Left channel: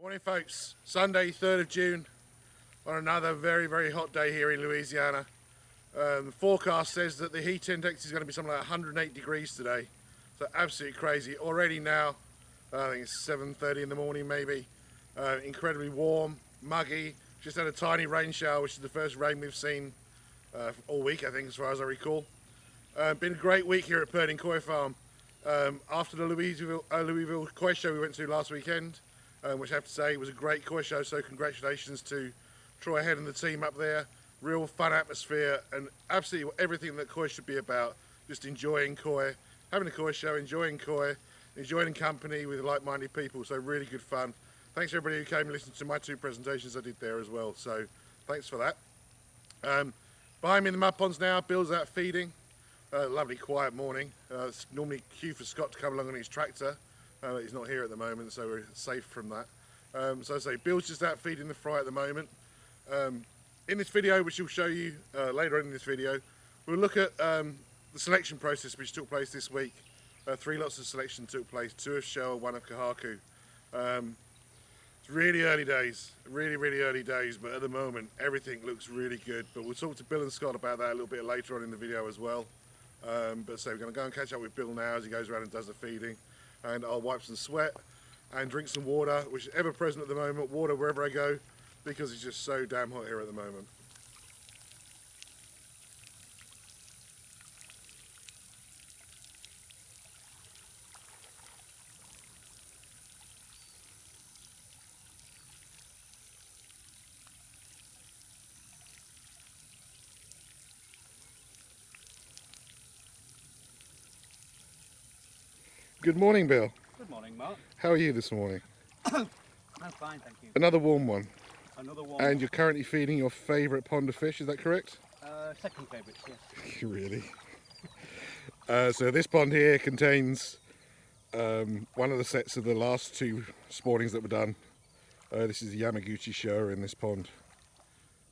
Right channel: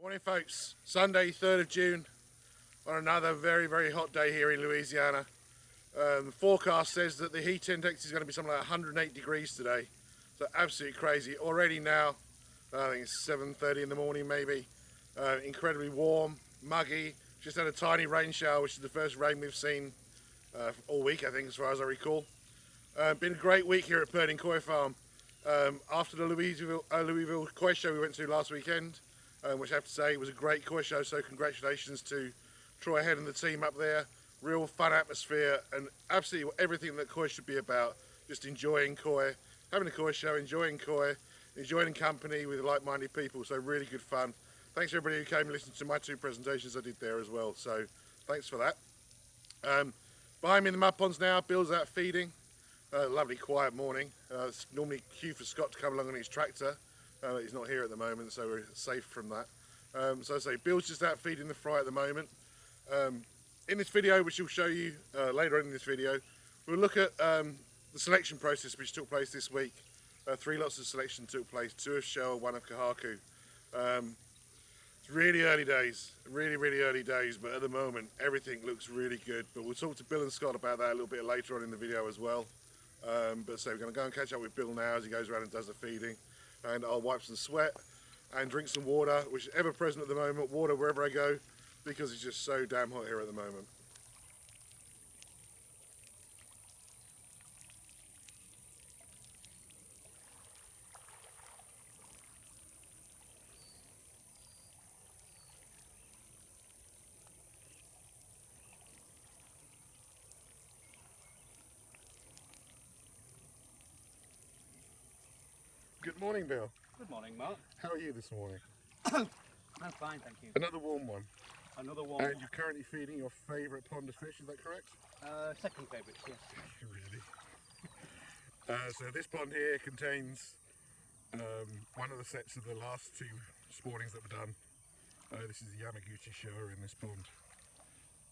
Morning folks, Sunday 3rd of June on another very hot day here in Louisiana. The forecast says that the heat index is going to be something like 108 degrees today, so absolutely crazy. Already now, I think it's 7:30 in the morning maybe, incredibly warm, muggy, just had a tiny rain shower which is the first rain we've seen all week I think as far as I recall. Been a great week here at Purdin Koi Farm. After the Louisville Koi Show we went to last weekend, which I have to say was a great koi show, so congratulations to Troy Head and the team up there. Real fun atmosphere and absolutely everything that koi should be about. Just enjoying koi, having a koi show, enjoying koi, enjoying company with like-minded people, so really good fun. Thanks to everybody who came and listened to my two presentations I did there as well, so thanks for that. Behind me in the mud ponds now, Bill's out feeding. Lovely quiet morning. It's normally cue for Scott to come along on his tractor. He's not here at the moment, so we're safe from that. So I say, Bill's just out feeding the fry at the moment. In this video, which we'll show you later on in this video, we'll look at the selection process which took place this week. 3 lots of selection took place, 2 of Showa, 1 of Kohaku. It's really early days, really early days, but at the moment everything looks really good. But we'll talk to Bill and Scott about that a little bit later on in the video as well. But so we're going to go and catch up with Bill now as he goes around and does the feeding. And I'll wipe some sweat and drink some water, which is ever present at the moment, water wherever I go, because it's just so damn hot here at the moment. Good morning, Bill. Good morning, Mark. How are you this morning? I'm fine, thank you. Another warm one. Another one. And you're currently feeding your favourite pond of fish, is that correct? Second favourite, yes. Really? So this pond here contains one of the sets of the last 2 spawnings that were done. This is the Yamaguchi Showa in this pond.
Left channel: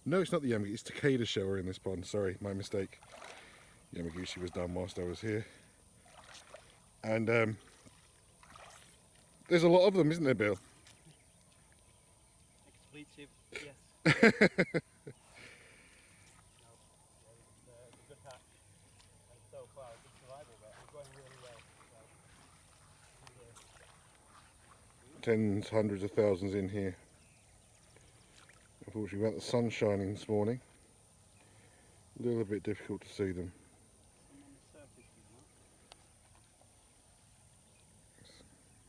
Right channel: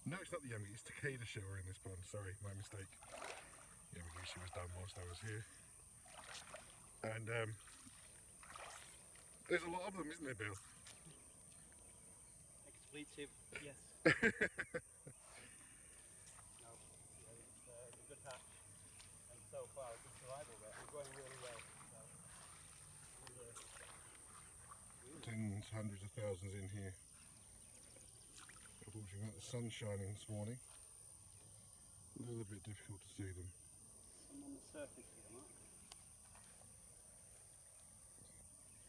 No, it's not the Yamaguchi, it's Takeda Showa in this pond. Sorry, my mistake. Yamaguchi was done whilst I was here. And there's a lot of them, isn't there, Bill? Expletive, yes. No, yeah, it's a good hatch, and so far a good survival rate. We're going really well. So, Tens, hundreds of thousands in here. Unfortunately, without the sun shining this morning, a little bit difficult to see them. some on the surface here, Mark.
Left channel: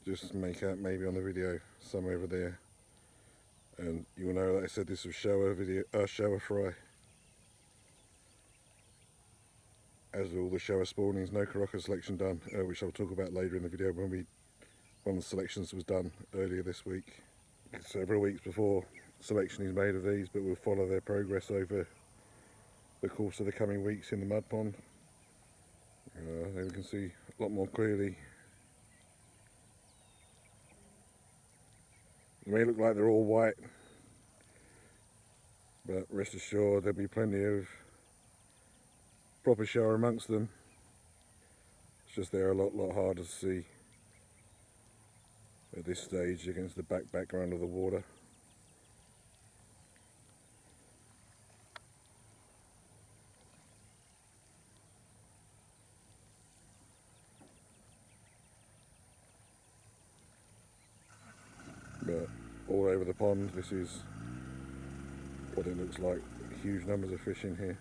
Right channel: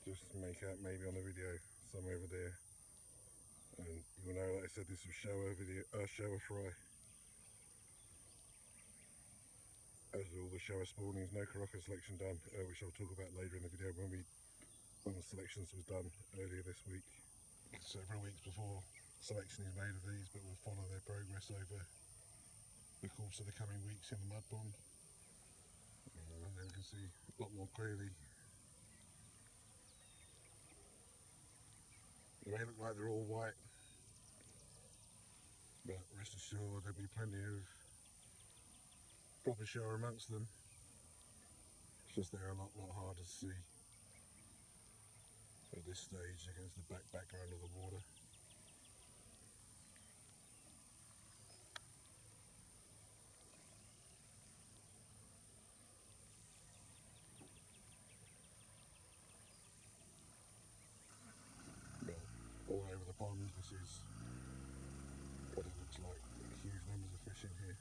Just make out maybe on the video some over there, and you will know that I said this was Showa fry. As with all the Showa spawnings, no Kohaku selection done, which I'll talk about later in the video when the selections was done earlier this week. Several weeks before selection is made of these, but we'll follow their progress over the course of the coming weeks in the mud pond. There we can see a lot more clearly. They may look like they're all white, but rest assured there'll be plenty of proper Showa amongst them. It's just they're a lot harder to see at this stage against the background of the water. But all over the pond, this is what it looks like. Huge numbers of fish in here.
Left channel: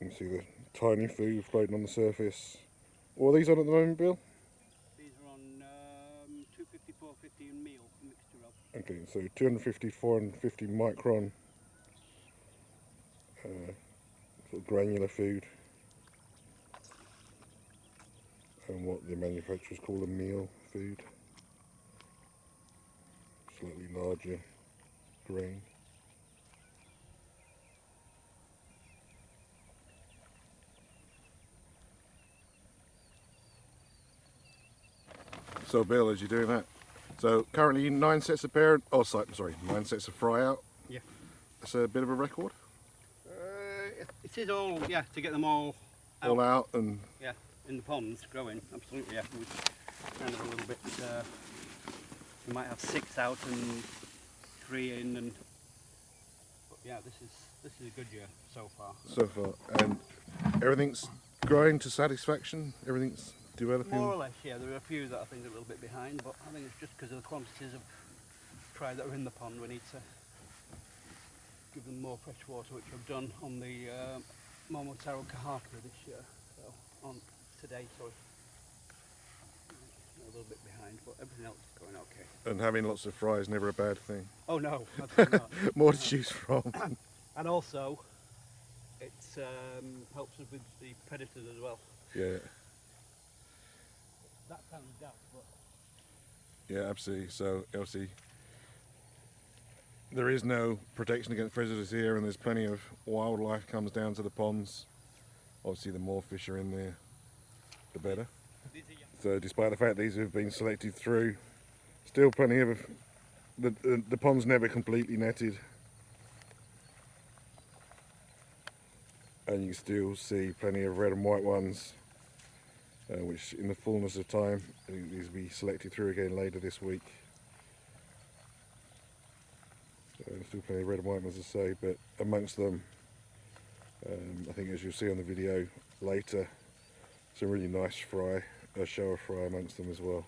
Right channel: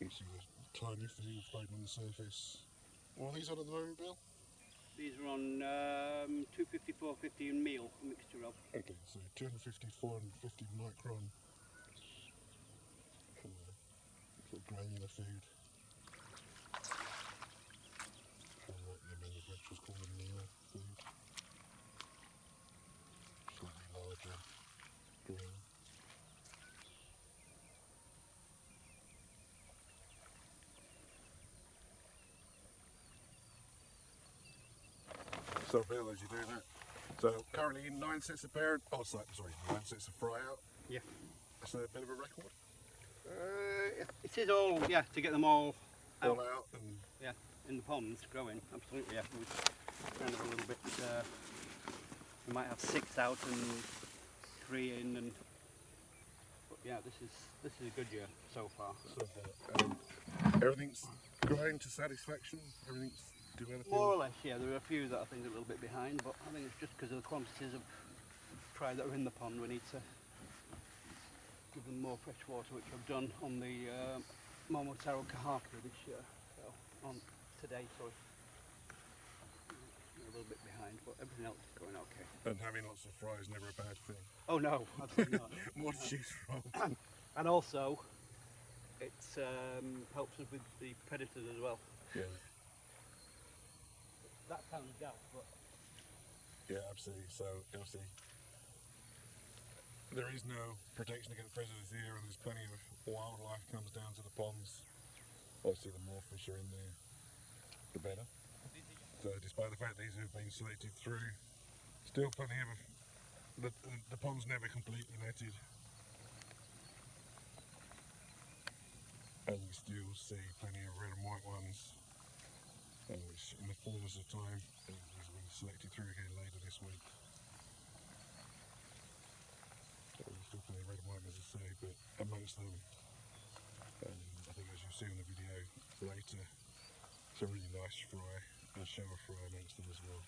You can see the tiny food floating on the surface. What are these on at the moment, Bill? These are on 250, 450 and meal, a mixture of. Okay, so 250, 450 micron sort of granular food, and what the manufacturers call a meal food, slightly larger grain. So Bill, as you're doing that, So currently 9 sets of parent, oh sorry, 9 sets of fry out. Yeah. That's a bit of a record. It is all, yeah, to get them all All out and yeah, in the ponds growing, absolutely, yeah. We're kind of a little bit, we might have 6 out and 3 in, and but yeah, this is a good year so far. so far. And everything's growing to satisfaction, everything's developing? More or less, yeah. There are a few that I think are a little bit behind, but I think it's just because of the quantities of fry that are in the pond. We need to give them more fresh water, which I've done on the Momotaro Kohaku this year. So on today, sorry. A little bit behind, but everything else is going okay. And having lots of fry is never a bad thing. Oh no, absolutely not. More to choose from. And also, it helps us with the predators as well. Yeah. That sounds daft, but Yeah, absolutely. So obviously there is no protection against predators here, and there's plenty of wildlife comes down to the ponds. Obviously the more fish are in there, the better. So despite the fact these have been selected through, still plenty of the pond's never completely netted, and you can still see plenty of red and white ones, which in the fullness of time these will be selected through again later this week. So still plenty of red and white ones to say, but amongst them, I think as you'll see on the video later, some really nice fry, Showa fry amongst them as well.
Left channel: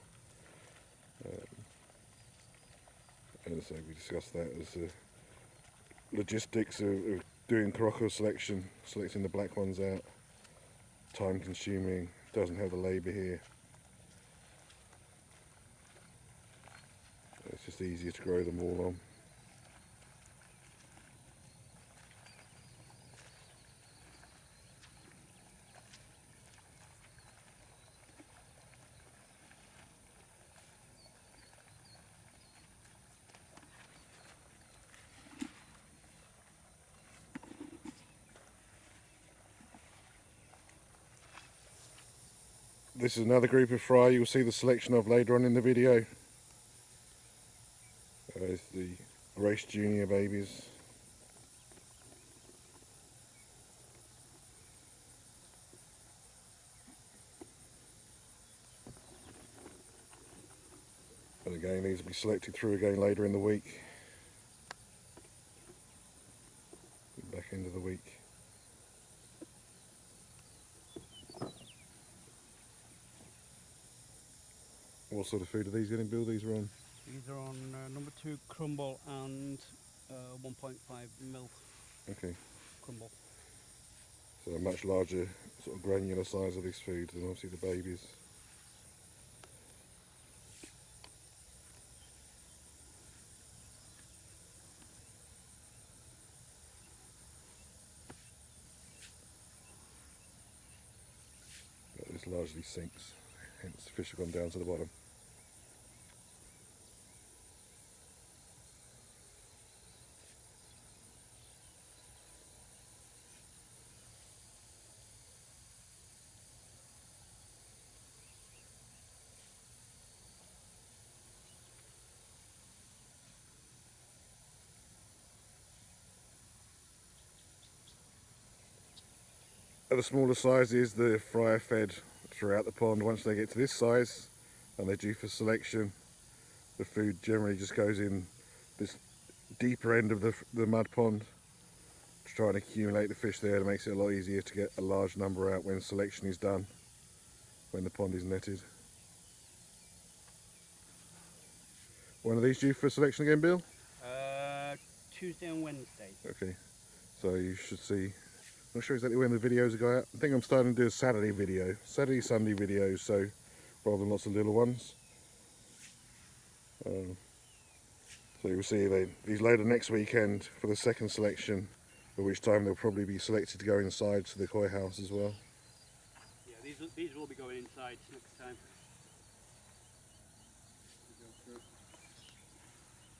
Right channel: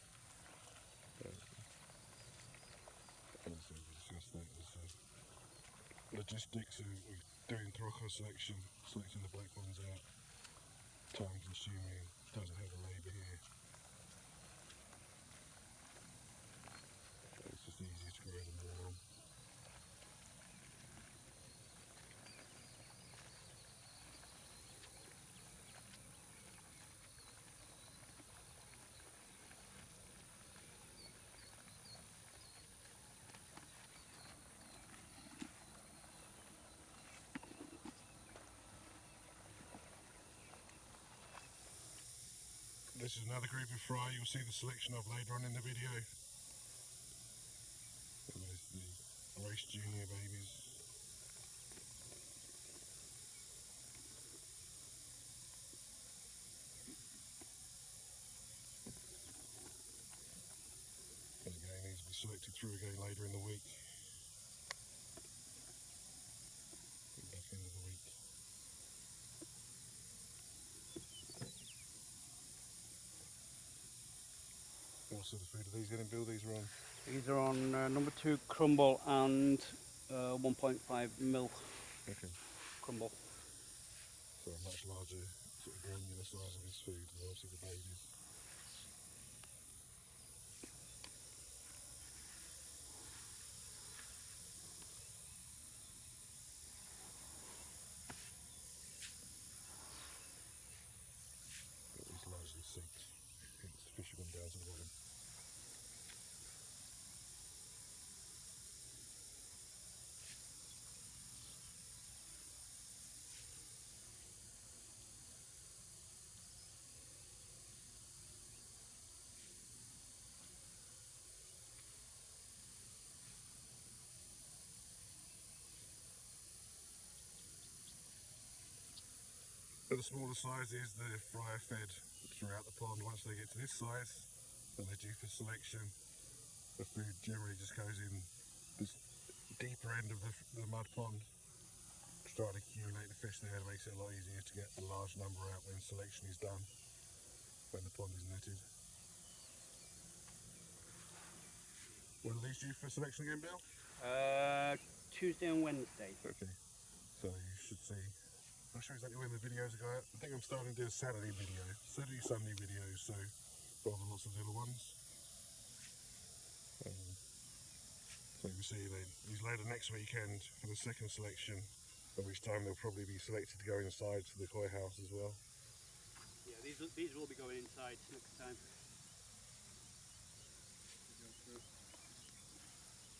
And so we discussed that as the logistics of doing Kohaku selection, selecting the black ones out, time consuming, doesn't have the labour here. It's just easier to grow them all on. This is another group of fry you'll see the selection of later on in the video. There's the race junior babies. And again, these will be selected through again later in the week. Back end of the week. What sort of food are these getting, Bill? These are on? these are on number 2 crumble and 1.5 mil Okay. crumble. So a much larger sort of granular size of this food than obviously the babies. But this largely sinks, hence the fish have gone down to the bottom. At the smaller sizes, the fry are fed throughout the pond. Once they get to this size and they're due for selection, the food generally just goes in this deeper end of the mud pond to try and accumulate the fish there. It makes it a lot easier to get a large number out when selection is done, when the pond is netted. When are these due for selection again, Bill? Tuesday and Wednesday. Okay, so you should see, I'm not sure exactly when the videos go out. I think I'm starting to do a Saturday video, Saturday, Sunday videos, so rather than lots of little ones. So you'll see these later next weekend for the second selection, at which time they'll probably be selected to go inside to the koi house as well. Yeah, these will be going inside next time.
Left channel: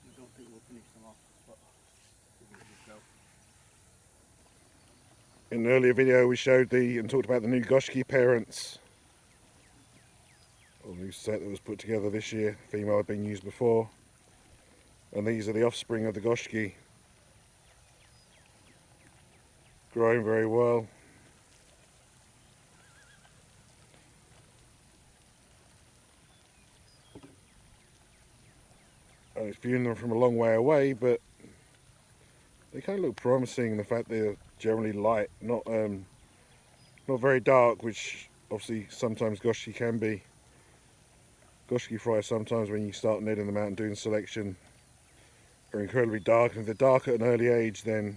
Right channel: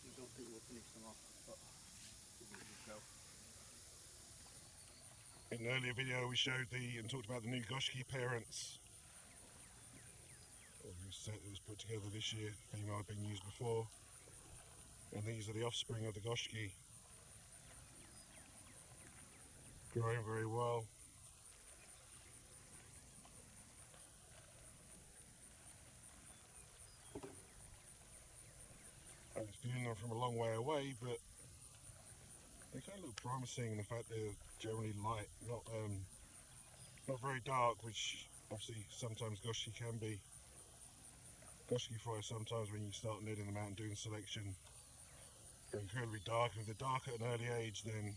I don't think we'll finish them off, but we'll just go. In an earlier video we showed and talked about the new Goshiki parents, or new set that was put together this year. Female had been used before. And these are the offspring of the Goshiki. Growing very well. And it's viewing them from a long way away, but they kind of look promising in the fact they're generally light, not very dark, which obviously sometimes Goshiki can be. Goshiki fry sometimes when you start netting them out and doing selection are incredibly dark, and if they're dark at an early age then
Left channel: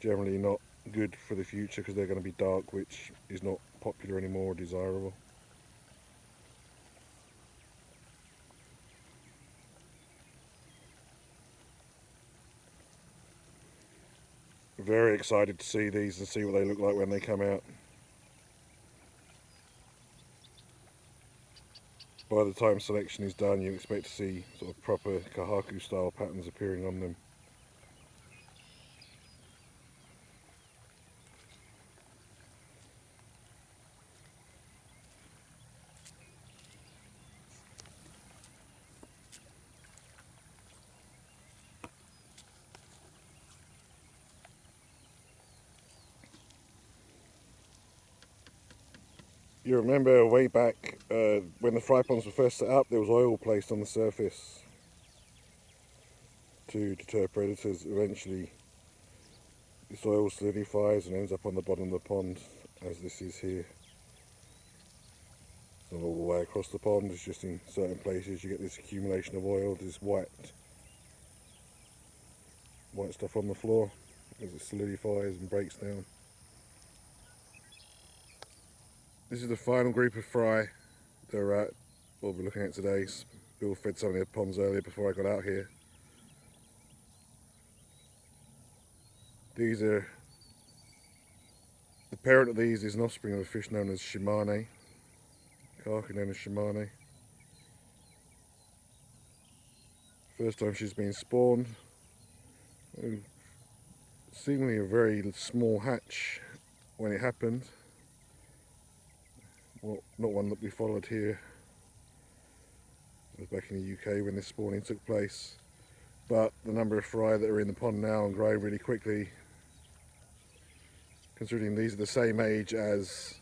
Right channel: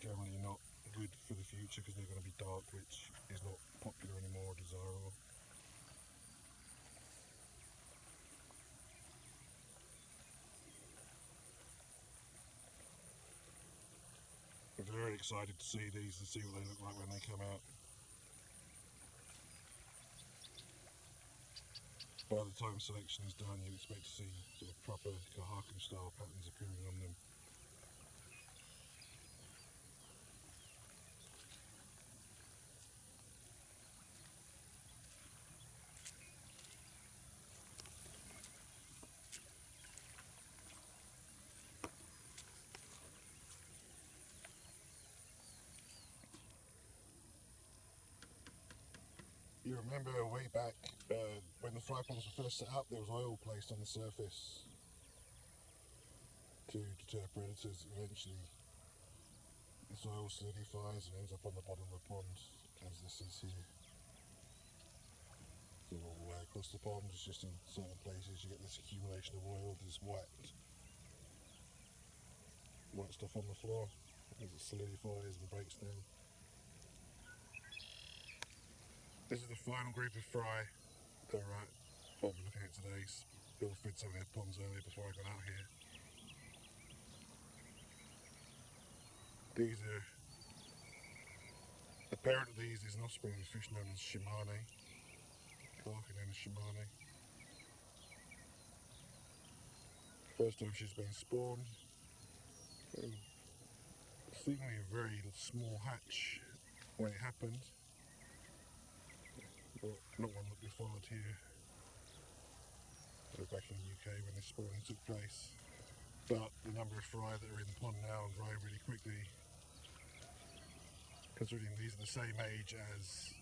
generally not good for the future because they're going to be dark, which is not popular anymore or desirable. Very excited to see these and see what they look like when they come out. By the time selection is done, you expect to see sort of proper Kohaku style patterns appearing on them. You remember way back when the fry ponds were first set up, there was oil placed on the surface to deter predators. Eventually this oil solidifies and ends up on the bottom of the pond, as this is here. It's not all the way across the pond, it's just in certain places you get this accumulation of oil, this white stuff on the floor as it solidifies and breaks down. This is the final group of fry they're at, what we're looking at today. Bill fed some of the ponds earlier before I got out here. These are, the parent of these is an offspring of a fish known as shimane, Kohaku known as shimane. First time she's been spawned, and seemingly a very small hatch when it happened. Well, not one that we followed here. It was back in the UK when this spawning took place. But the number of fry that are in the pond now and growing really quickly, considering these are the same age as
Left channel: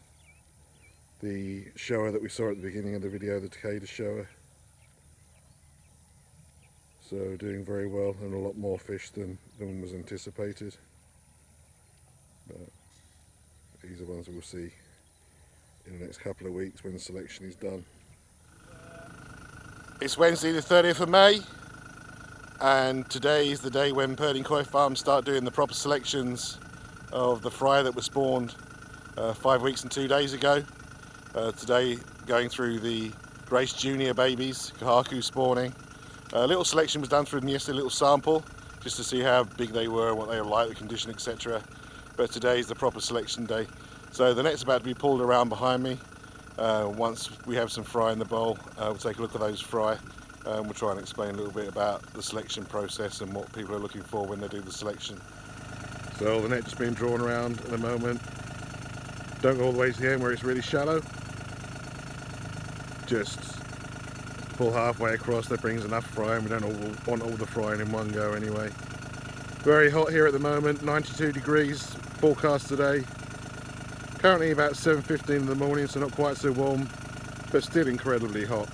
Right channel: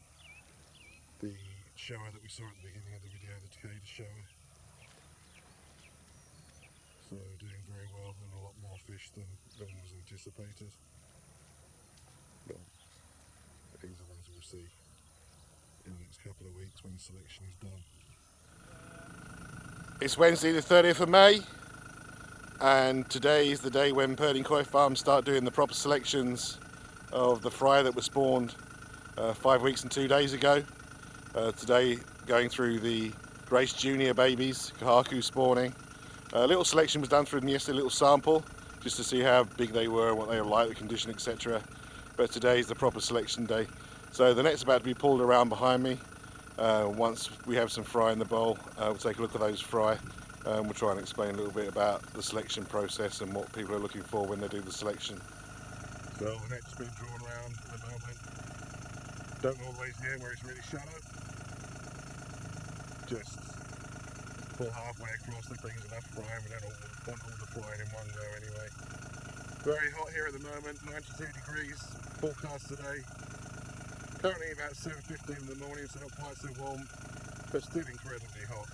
the Showa that we saw at the beginning of the video, the Takeda Showa. So doing very well and a lot more fish than was anticipated. But these are ones we'll see in the next couple of weeks when the selection is done. It's Wednesday the 30th of May, and today is the day when Purdin Koi Farm start doing the proper selections of the fry that were spawned 5 weeks and 2 days ago. Today going through the Grace Junior babies, Kohaku spawning. A little selection was done through them yesterday, a little sample, just to see how big they were, what they were like, the condition, etc. But today is the proper selection day. So the net's about to be pulled around behind me. Once we have some fry in the bowl, we'll take a look at those fry. We'll try and explain a little bit about the selection process and what people are looking for when they do the selection. So the net's being drawn around at the moment. Don't go all the way to the end where it's really shallow. Just pull halfway across, that brings enough fry, and we don't want all the frying in one go anyway. Very hot here at the moment, 92 degrees forecast today. Currently about 7:15 in the morning, so not quite so warm, but still incredibly hot.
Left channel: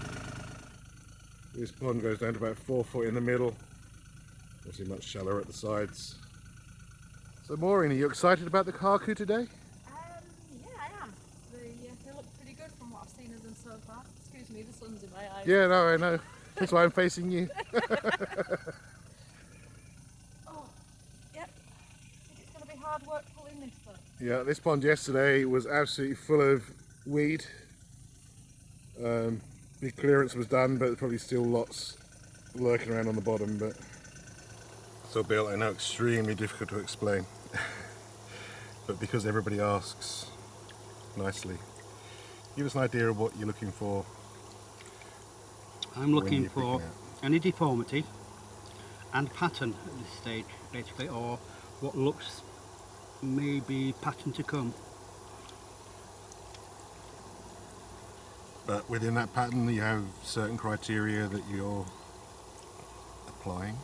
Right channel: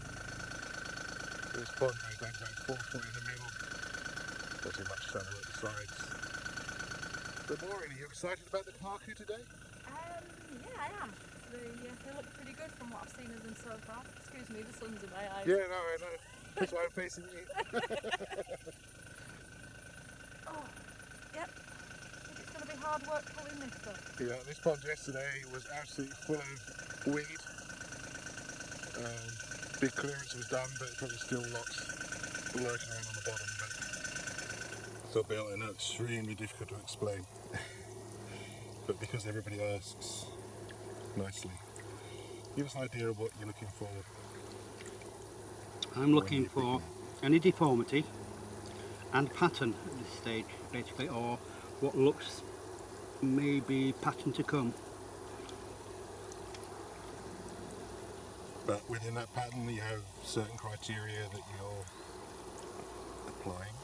This pond goes down to about 4 foot in the middle, obviously much shallower at the sides. So Maureen, are you excited about the Kohaku today? Yeah, I am. They look pretty good from what I've seen of them so far. Excuse me, the sun's in my eyes. Yeah, no, I know. That's why I'm facing you. Oh, yep. I think it's going to be hard work pulling this though. Yeah, this pond yesterday was absolutely full of weed. Big clearance was done, but there's probably still lots lurking around on the bottom. But so Bill, I know, extremely difficult to explain, but because everybody asks nicely, give us an idea of what you're looking for. I'm looking for any deformity and pattern at this stage, basically, or what looks maybe pattern to come. But within that pattern, you have certain criteria that you're applying.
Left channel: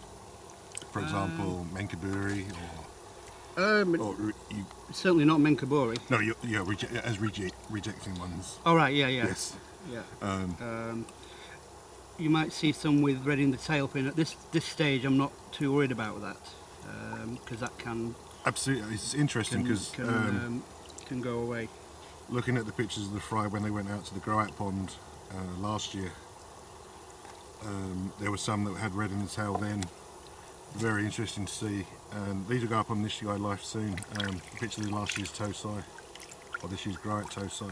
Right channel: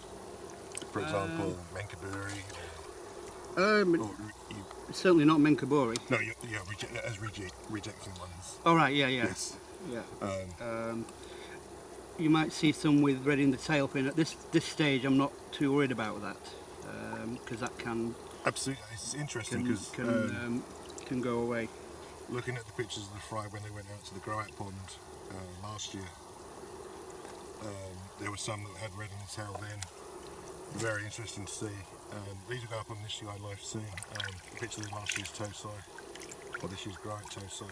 For example, Menkaburi, or you, certainly not Menkaburi. no, you're rejecting ones. Oh right, yeah. Yes. Yeah. You might see some with red in the tail fin. At this stage, I'm not too worried about that because that can Absolutely, it's interesting because can go away. looking at the pictures of the fry when they went out to the grow out pond last year, there were some that had red in the tail then. Very interesting to see. These will go up on this guy life soon. Pictures of last year's tosai, or this year's grow out tosai.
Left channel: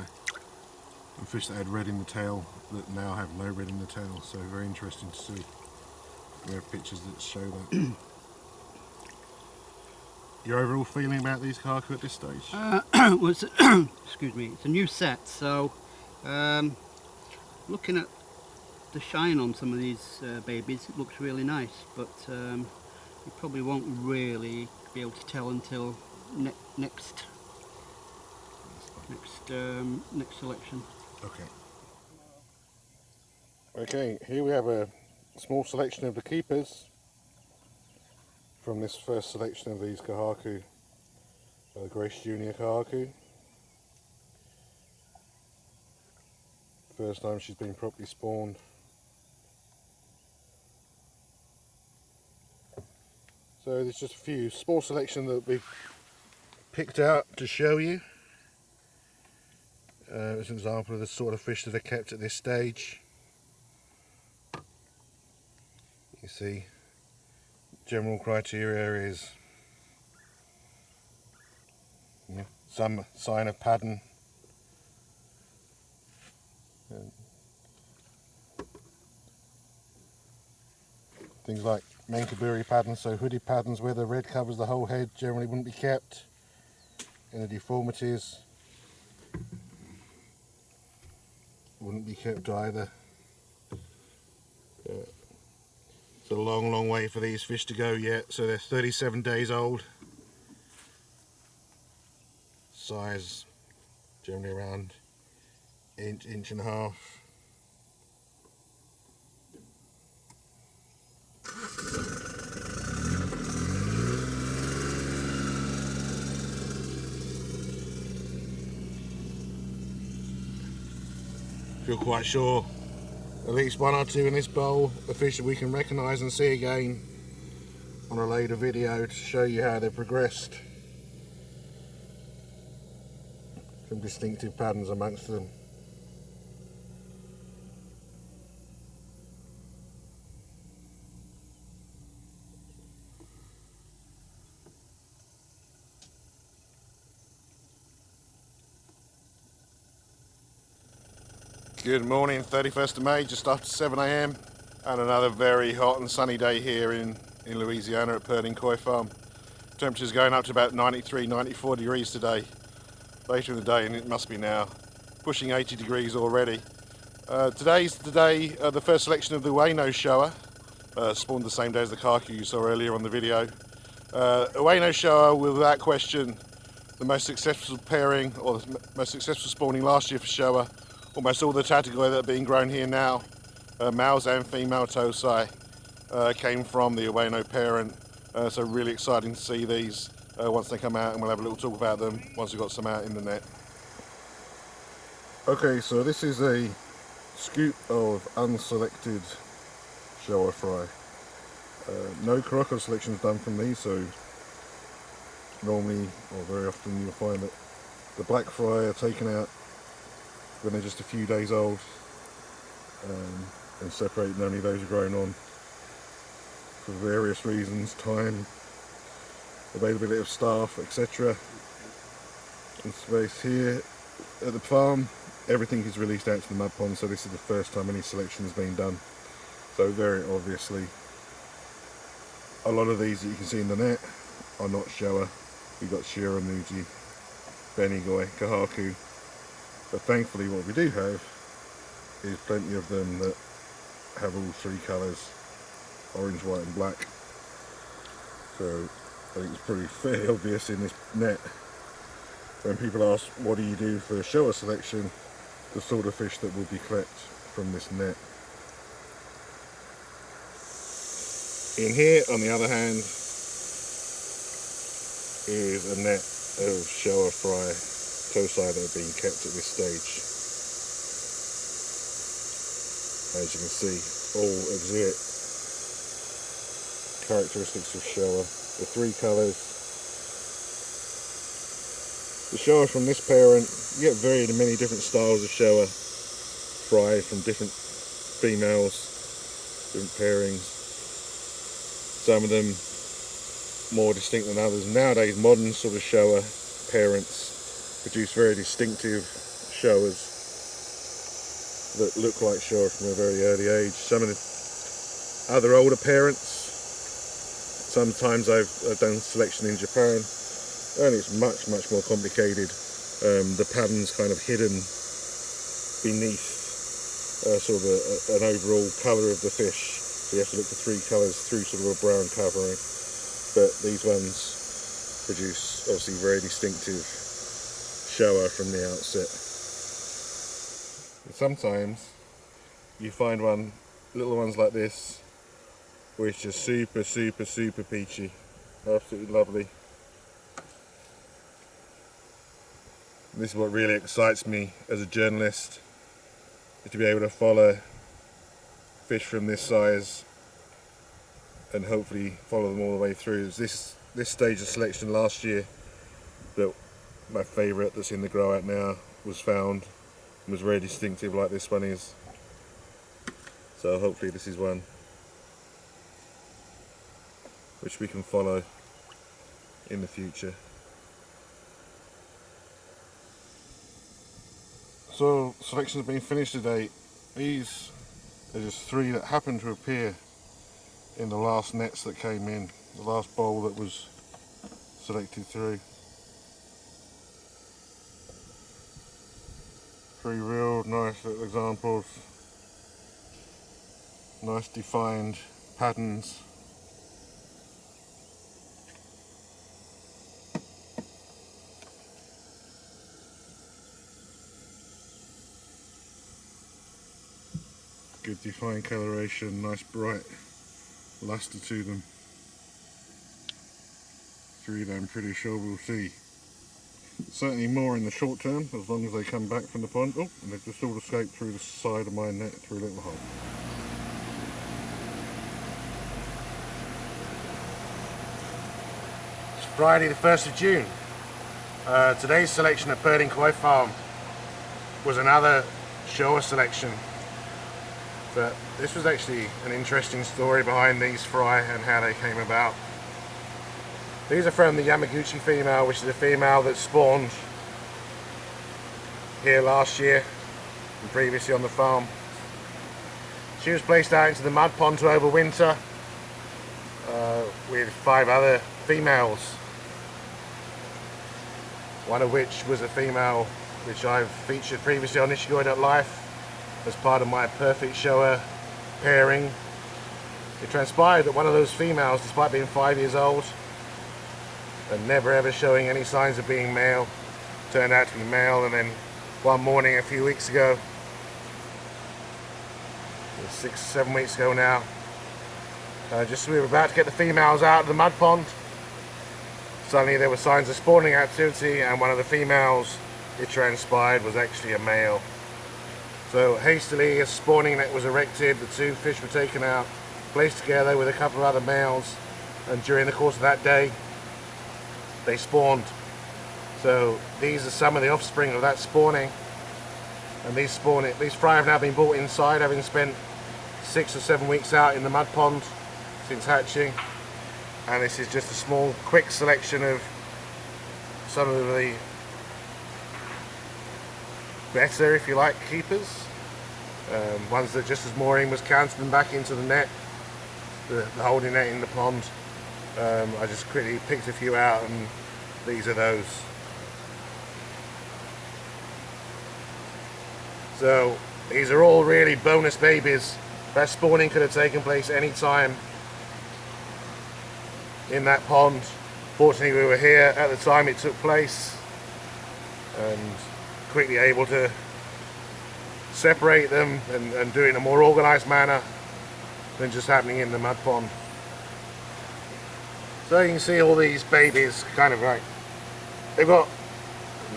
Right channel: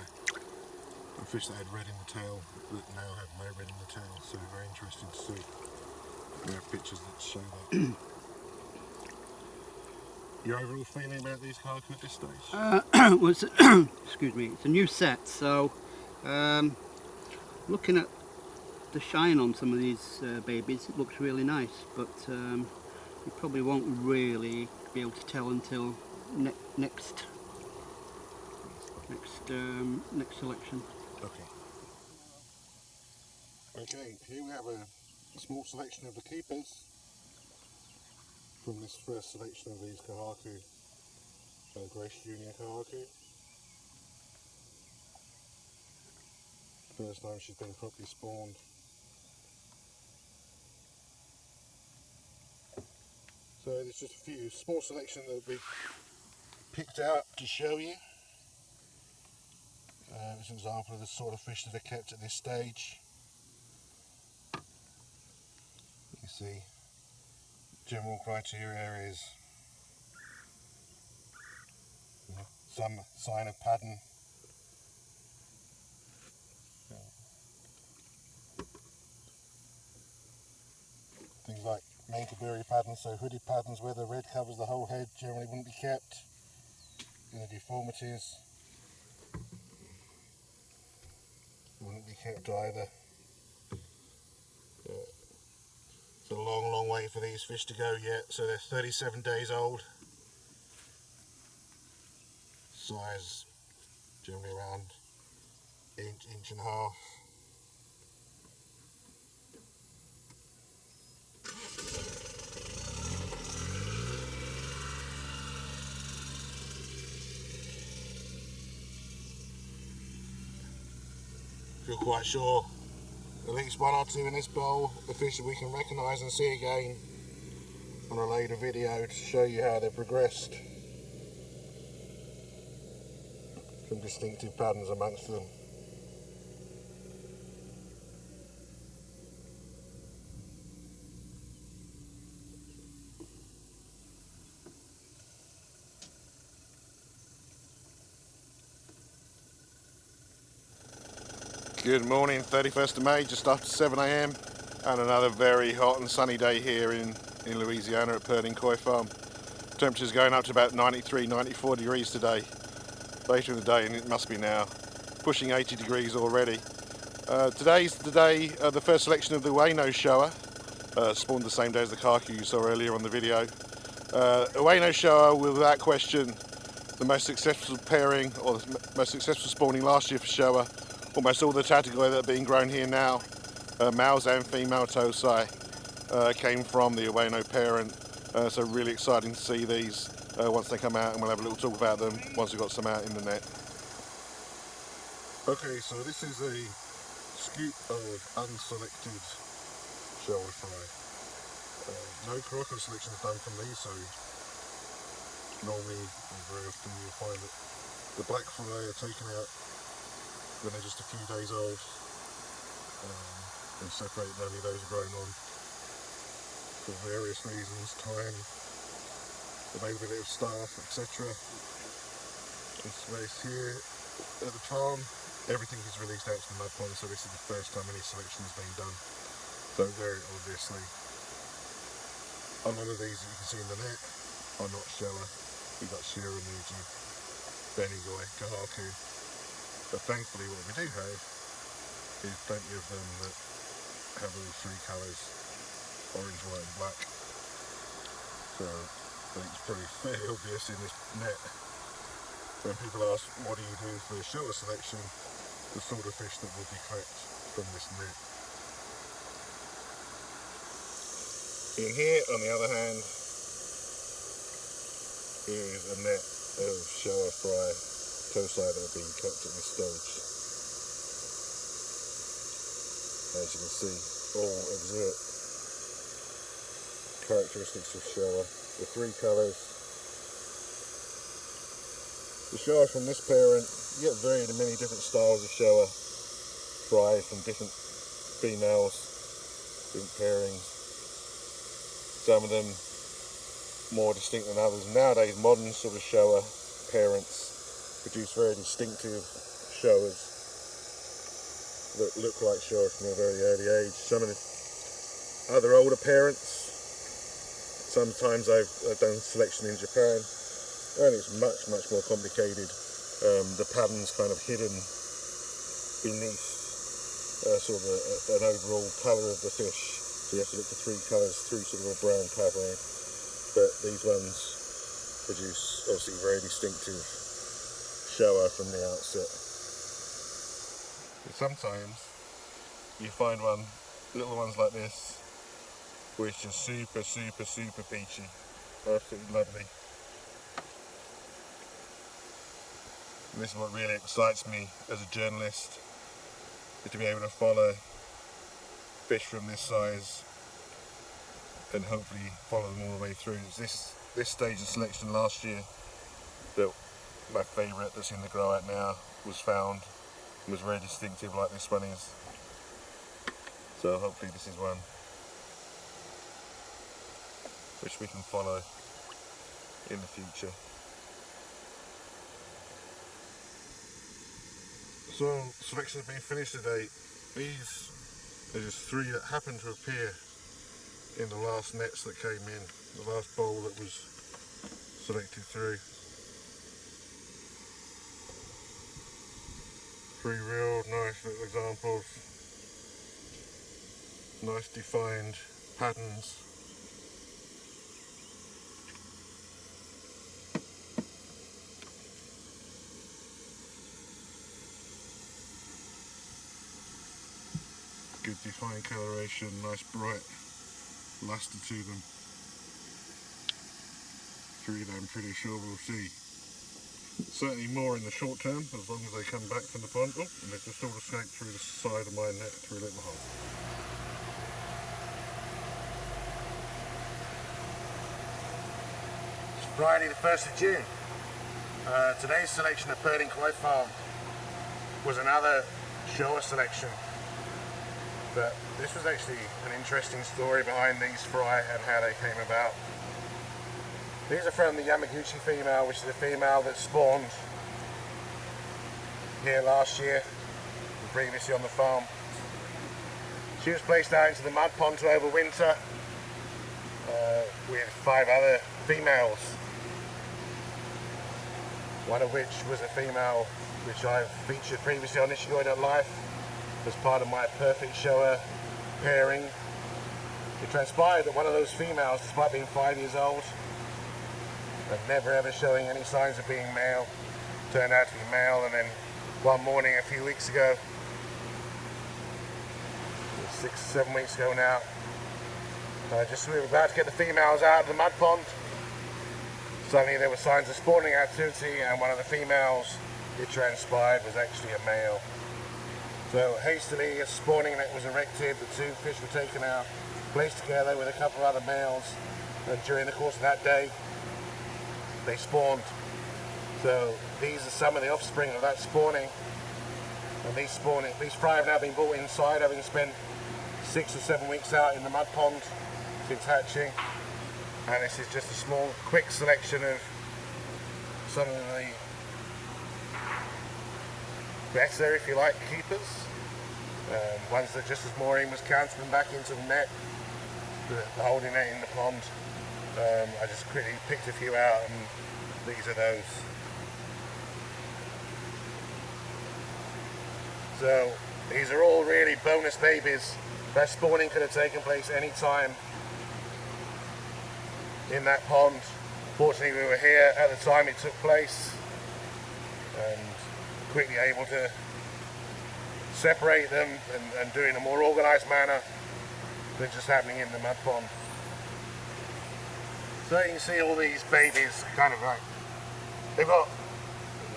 And fish that had red in the tail that now have no red in the tail. So very interesting to see. We have pictures that show that. Your overall feeling about these Kohaku at this stage? Well, excuse me, it's a new set, so looking at the shine on some of these babies, it looks really nice, but you probably won't really be able to tell until next selection. Okay, here we have a small selection of the keepers from this first selection of these Kohaku, Grace Junior Kohaku. First time she's been properly spawned. So there's just a few small selection that we've picked out to show you. As an example of the sort of fish that are kept at this stage. You see, general criteria is some sign of pattern. Things like Menkaburi patterns, so hoodie patterns where the red covers the whole head generally wouldn't be kept. And the deformities wouldn't be kept either. It's a long way for these fish to go yet, so they're 37 days old. Size generally around inch and a half. Feel quite sure at least one or two in this bowl are fish that we can recognise and see again on a later video to show you how they've progressed. Some distinctive patterns amongst them. Good morning, 31st of May, just after 7 AM, and another very hot and sunny day here in Louisiana at Purdin Koi Farm. Temperatures going up to about 93, 94 degrees today. Later in the day, and it must be now, pushing 80 degrees already. Today's the day of the first selection of the Ueno Showa, spawned the same day as the Kohaku you saw earlier on the video. Ueno Showa, without question, the most successful pairing, or the most successful spawning last year for Showa. Almost all the Tatigoi that are being grown here now, males and female tosai, came from the Ueno parent. So really exciting to see these once they come out, and we'll have a little talk about them once we've got some out in the net. Okay, so this is a scoop of unselected Showa fry. No Kohaku selection is done from these, so normally, or very often, you'll find that the black fry are taken out when they're just a few days old, and separating only those who are grown on for various reasons, time, availability of staff, etc. This space here at the farm, everything is released out to the mud pond, so this is the first time any selection has been done. So very obviously, a lot of these that you can see in the net are not Showa. We've got Shiramuji, Benigoi, Kohaku. But thankfully what we do have is plenty of them that have all three colours, orange, white and black. So I think it's pretty fairly obvious in this net when people ask what do you do for Showa selection, the sort of fish that will be caught from this net. In here, on the other hand, is a net of Showa fry tosai that are being kept at this stage. As you can see, all exhibit characteristics of Showa. The three colours. The Showa from this parent, you get very many different styles of Showa fry from different females, different pairings. Some of them more distinct than others. Nowadays, modern sort of Showa parents produce very distinctive Showas that look like Showa from a very early age. Some of the other older parents, sometimes I've done selection in Japan, and it's much more complicated. The pattern's kind of hidden beneath sort of an overall colour of the fish. So you have to look for three colours through sort of a brown covering. But these ones produce obviously very distinctive Showa from the outset. Sometimes you find little ones like this, which are super peachy, absolutely lovely. And this is what really excites me as a journalist, is to be able to follow fish from this size and hopefully follow them all the way through. It was this stage of selection last year that my favourite that's in the grow out now was found and was very distinctive like this one is. So hopefully this is one which we can follow in the future. So selection has been finished today. These are just three that happened to appear in the last nets that came in, the last bowl that was selected through. Three real nice little examples, nice defined patterns. Good defined coloration, nice bright luster to them. Three that I'm pretty sure we'll see. Certainly more in the short term, as long as they come back from the pond. Oh, and they've just all escaped through the side of my net through a little hole. It's Friday the 1st of June. Today's selection at Purdin Koi Farm was another Showa selection. But this was actually an interesting story behind these fry and how they came about. These are from the Yamaguchi female, which is a female that spawned here last year and previously on the farm. She was placed out into the mud pond to overwinter with 5 other females. One of which was a female which I've featured previously on Nishigoi.life as part of my perfect Showa pairing. It transpired that one of those females, despite being 5 years old and never ever showing any signs of being male, turned out to be male. And then one morning a few weeks ago, 6-7 weeks ago now, just as we were about to get the females out of the mud pond, suddenly there were signs of spawning activity, and one of the females, it transpired, was actually a male. So hastily a spawning net was erected, the 2 fish were taken out, placed together with a couple of other males, and during the course of that day they spawned. So these are some of the offspring of that spawning, and these fry have now been brought inside, having spent 6 or 7 weeks out in the mud pond since hatching. And this is just a small quick selection of some of the better, if you like, keepers. Ones that, just as mooring was counting them back into the net, the holding net in the pond. I just quickly picked a few out, and these are those. So these are all really bonus babies. That spawning could have taken place any time in that pond. Fortunately, we were here at the time it took place, and quickly able to separate them and do it in a more organized manner than just happening in the mud pond. So you can see all these babies kind of like, they've got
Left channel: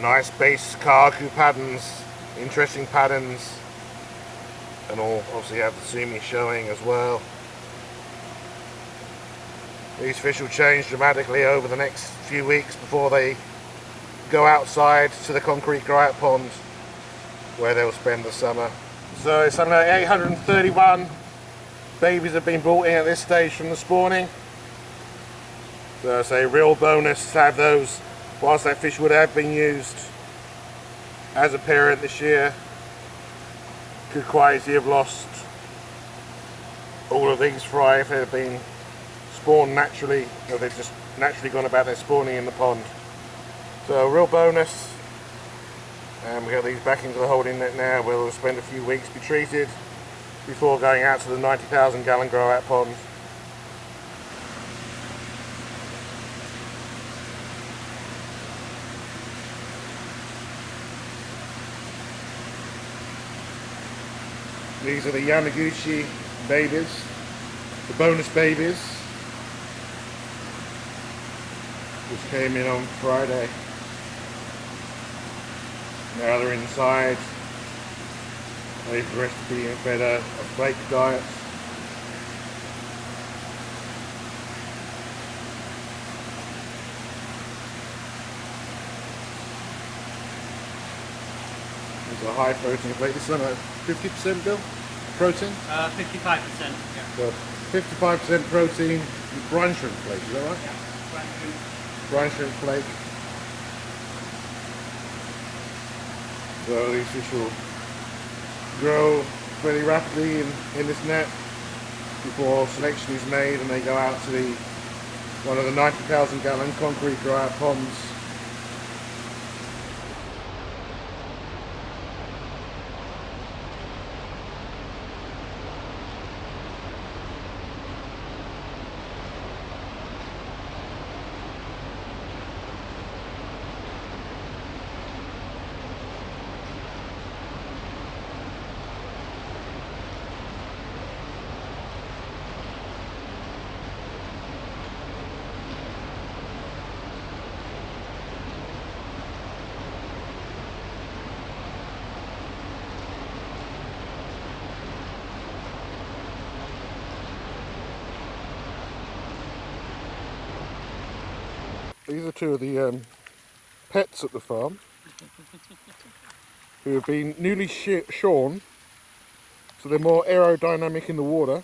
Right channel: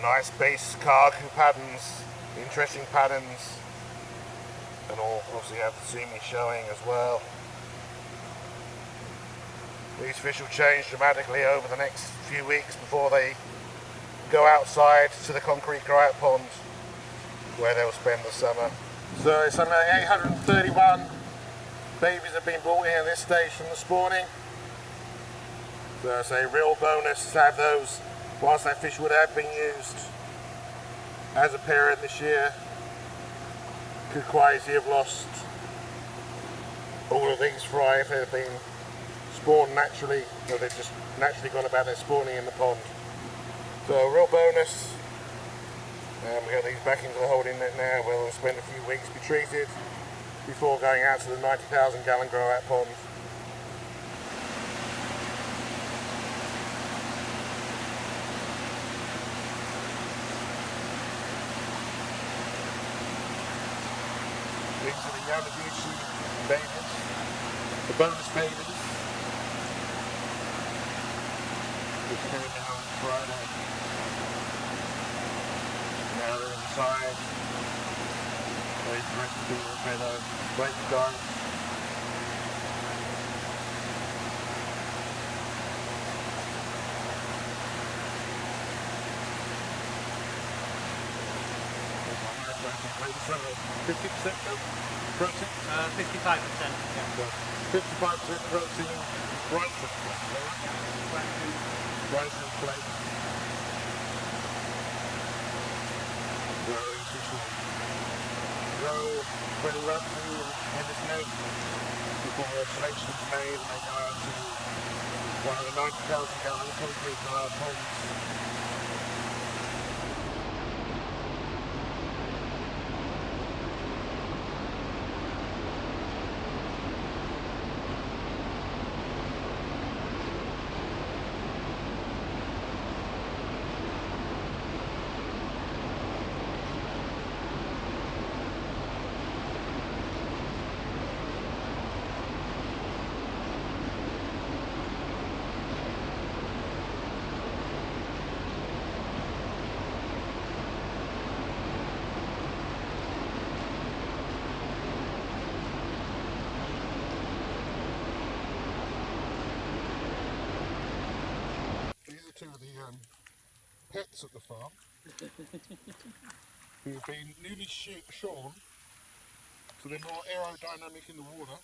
nice base Kohaku patterns, interesting patterns, and all. Obviously you have the sumi showing as well. These fish will change dramatically over the next few weeks before they go outside to the concrete grow-out pond where they'll spend the summer. So it's something like 831 babies have been brought in at this stage from the spawning. So it's a real bonus to have those whilst that fish would have been used as a parent this year. Could quite easily have lost all of these fry if they had been spawned naturally, or they've just naturally gone about their spawning in the pond. So a real bonus. And we got these back into the holding net now where they'll spend a few weeks be treated before going out to the 90,000 gallon grow out pond. These are the Yamaguchi babies, the bonus babies, which came in on Friday. Now they're inside, ready for the rest of being fed a flake diet. There's a high protein flake. This one, 50% Bill? Protein? 55%. Yeah. So 55% protein brine shrimp flake, is that right? Yeah. Brine shrimp flake. So these fish will grow pretty rapidly in this net before selection is made and they go out to one of the 90,000 gallon concrete grow out ponds. These are two of the pets at the farm who have been newly shorn, so they're more aerodynamic in the water.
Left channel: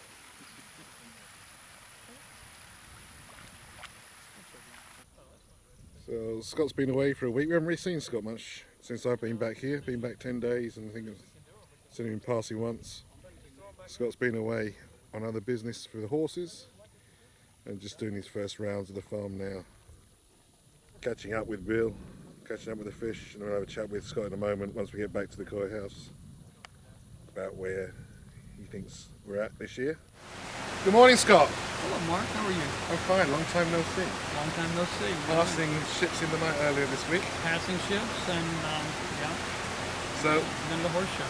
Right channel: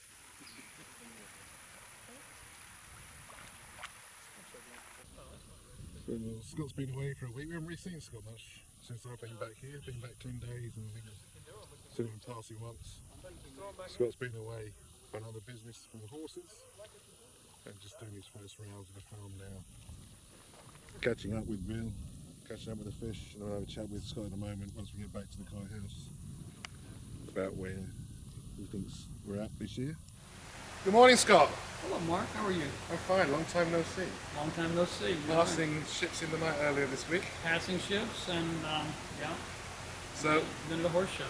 So Scott's been away for a week. We haven't really seen Scott much since I've been back here. Been back 10 days and I think I've seen him passing once. Scott's been away on other business for the horses and just doing his first rounds of the farm now. Catching up with Bill, catching up with the fish, and I'll have a chat with Scott in a moment once we get back to the koi house about where he thinks we're at this year. Good morning, Scott. Hello, Mark. How are you? I'm fine. Long time no see. Long time no see. Passing ships in the night earlier this week. Passing ships and yeah. So Then the horse show.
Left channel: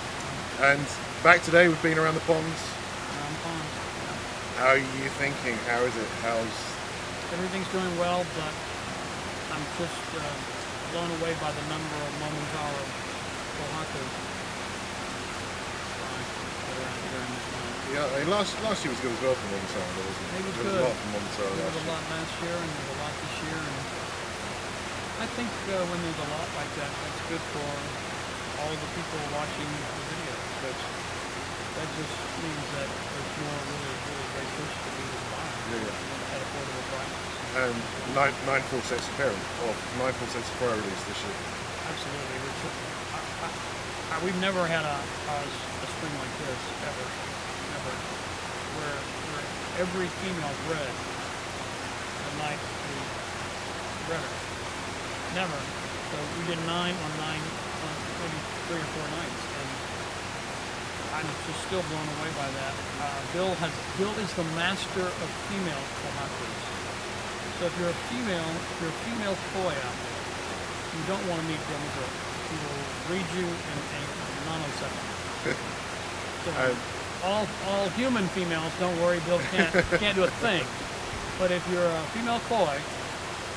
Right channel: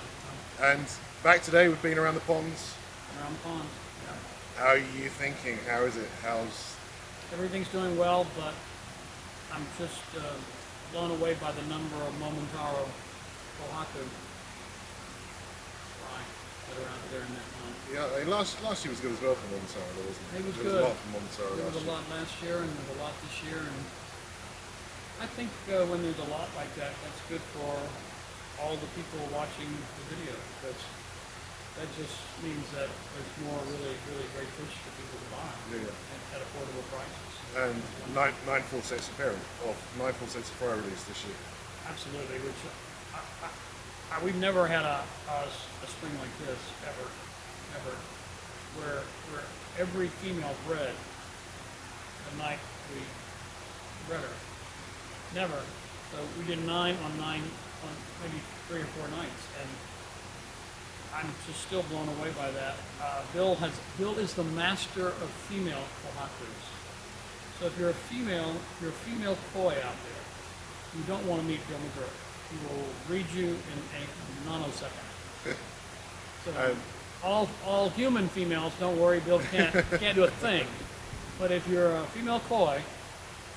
and back today. We've been around the ponds. Around the pond. Yeah. How are you thinking? How is it? Everything's doing well, but I'm just blown away by the number of Momotaro Kohaku that are out there in that pond. Yeah, last year was good as well for Montara, wasn't it? It was There good. was a lot from Montara There last was a year. lot last year, and there's a lot this year, and I think when there's a lot like that, that's good for all the people watching the video. That just means that there's more really great fish to be able to buy at affordable prices. And nine full sets of parent, or 9 full sets of fry release this year. Absolutely, which we've never had a spring like this ever, where every female bred the night we bred her. Never. So we did 9 on maybe 3 or 4 nights, and I'm just still blown away by that. Bill is the master of female kohakus. So if you're a female koi out there, you don't want to meet Bill McGurk. He will read you in a nanosecond. So, Um, all human females, don't worry, Bill can't do a thing. But if you're a female koi,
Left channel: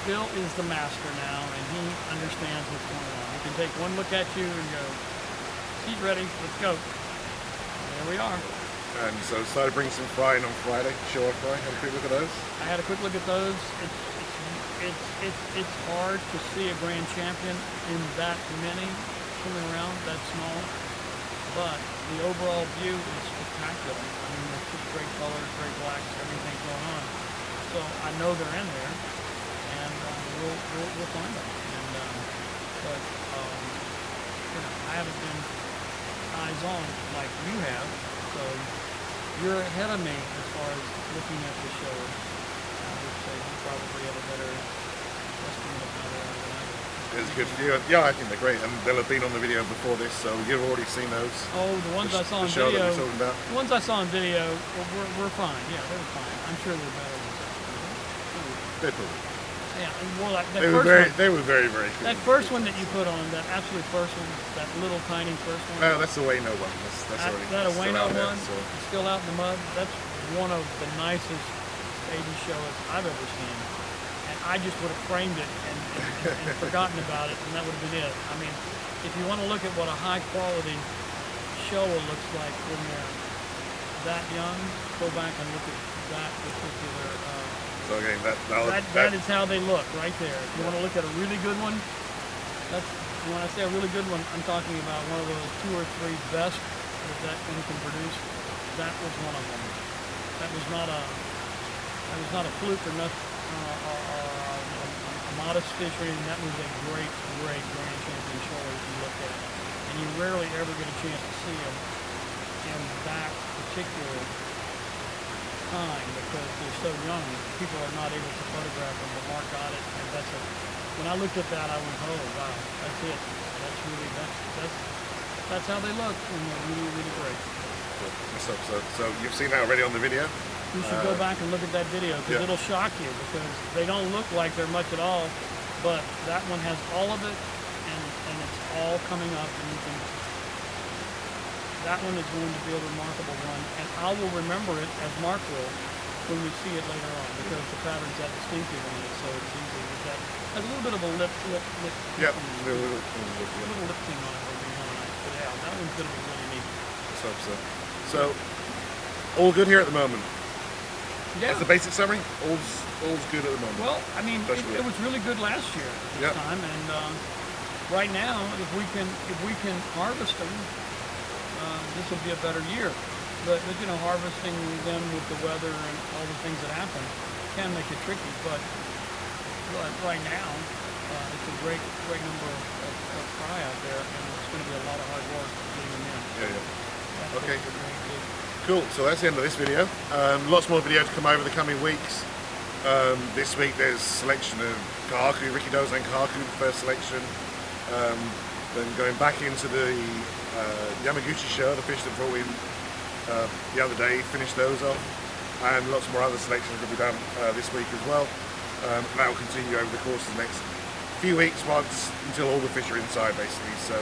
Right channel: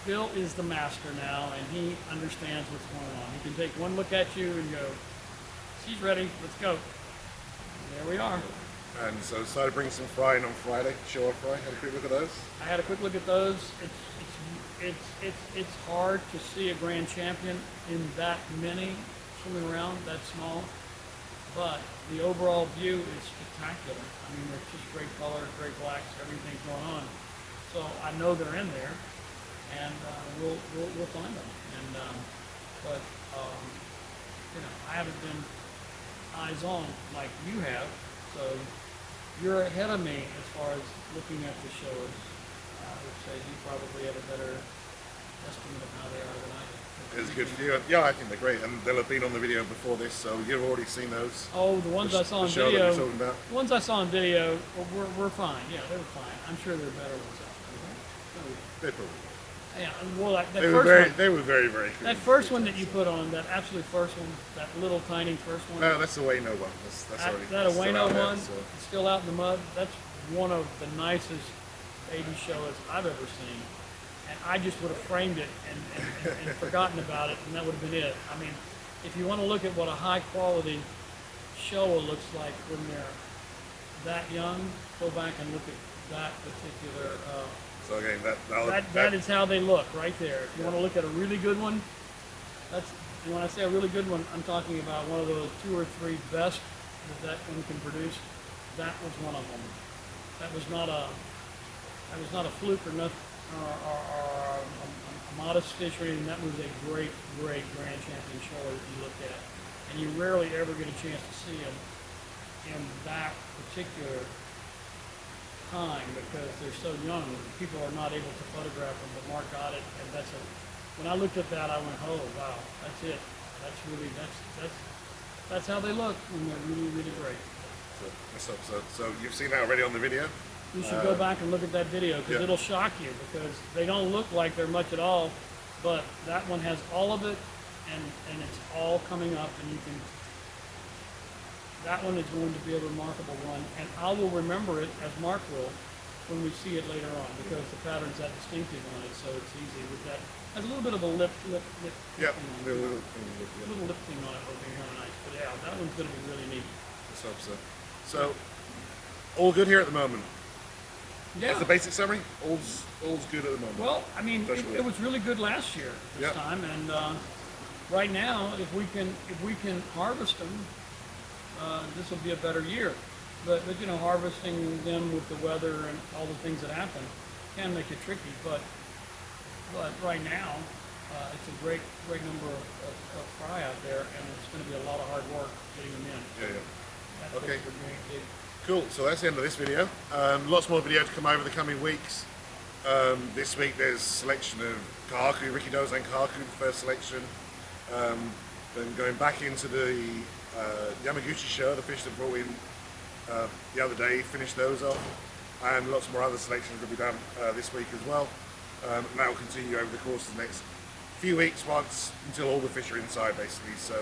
Bill is the master now, and he understands what's going on. He can take one look at you and go, she's ready, let's go. And there we are. And so started bringing some frying on Friday, Showa fry. Had a quick look at those. I had a quick look at those. It's hard to see a grand champion in that many swimming around that small, but the overall view is spectacular. I mean, it's just great colors, great blacks, everything's going on. So I know they're in there, and we'll find them. And but you know, I haven't been eyes on like you have, so you're ahead of me as far as looking at the shows. I would say you probably have a better estimate of how they are than I do. It's good for you. Yeah, I think they're great, and they'll have been on the video before this, so you've already seen those. Oh, the ones I saw The on show that video. we're talking about. The ones I saw on video were fine. Yeah, they were fine. I'm sure they're better ones. They're cool. Yeah, well, that They were first very, one, they were very, very cool. that first one that you put on, that absolute first one, that little tiny first one. No, that's the Ueno one. That's already That still Ueno out there, one, so. still out in the mud. That's one of the nicest baby shows I've ever seen. And I just would have framed it and forgotten about it, and that would have been it. I mean, if you want to look at what a high quality Showa looks like when they're that young, go back and look at that particular. So again, That is how they look right there. If you want to look at a really good one, that's when I say a really good one, I'm talking about one of those 2 or 3 best that one can produce. That was one of them. That was not a fluke or nothing, or a modest fish or anything. That was a great grand champion show if you look at it. And you rarely ever get a chance to see them in that particular time because they're so young. People are not able to photograph them, but Mark got it, and when I looked at that, I went, oh wow, that's it. That's how they look when they're really great. So you've seen that already on the video? You should go back and look at that video because Yeah. it'll shock you because they don't look like they're much at all, but that one has all of it, and it's all coming up, and you can. That one is going to be a remarkable one, and I will remember it as Mark will when we see it later on because the pattern's that distinctive on it, so it's easy. With that, has a little bit of a lip. Yeah. Little lip thing on it would be really nice. But yeah, that one's going to be really neat. Let's hope so. So, all good here at the moment. Yeah. That's the basic summary. All's good at the moment. Well, I mean, Especially it was really good last year this Yeah. time, and right now, if we can harvest them, this will be a better year. But you know, harvesting them with the weather and all the things that happen can make it tricky. But right now, it's a great number of fry out there, and it's going to be a lot of hard work getting them in. Yeah. That's Okay. what we're going to do. Cool. So that's the end of this video. Lots more video to come over the coming weeks. This week there's selection of Kohaku, Ricky Dozan Kohaku, the first selection. Then going back into the Yamaguchi Showa, the fish that brought in the other day, finished those off. And lots more other selections will be done this week as well. And that will continue over the course of the next few weeks until all the fish are inside basically. So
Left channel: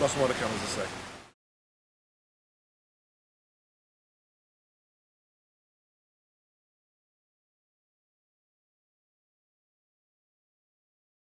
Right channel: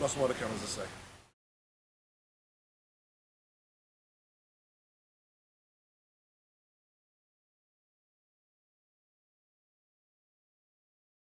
lots more to come, as I say.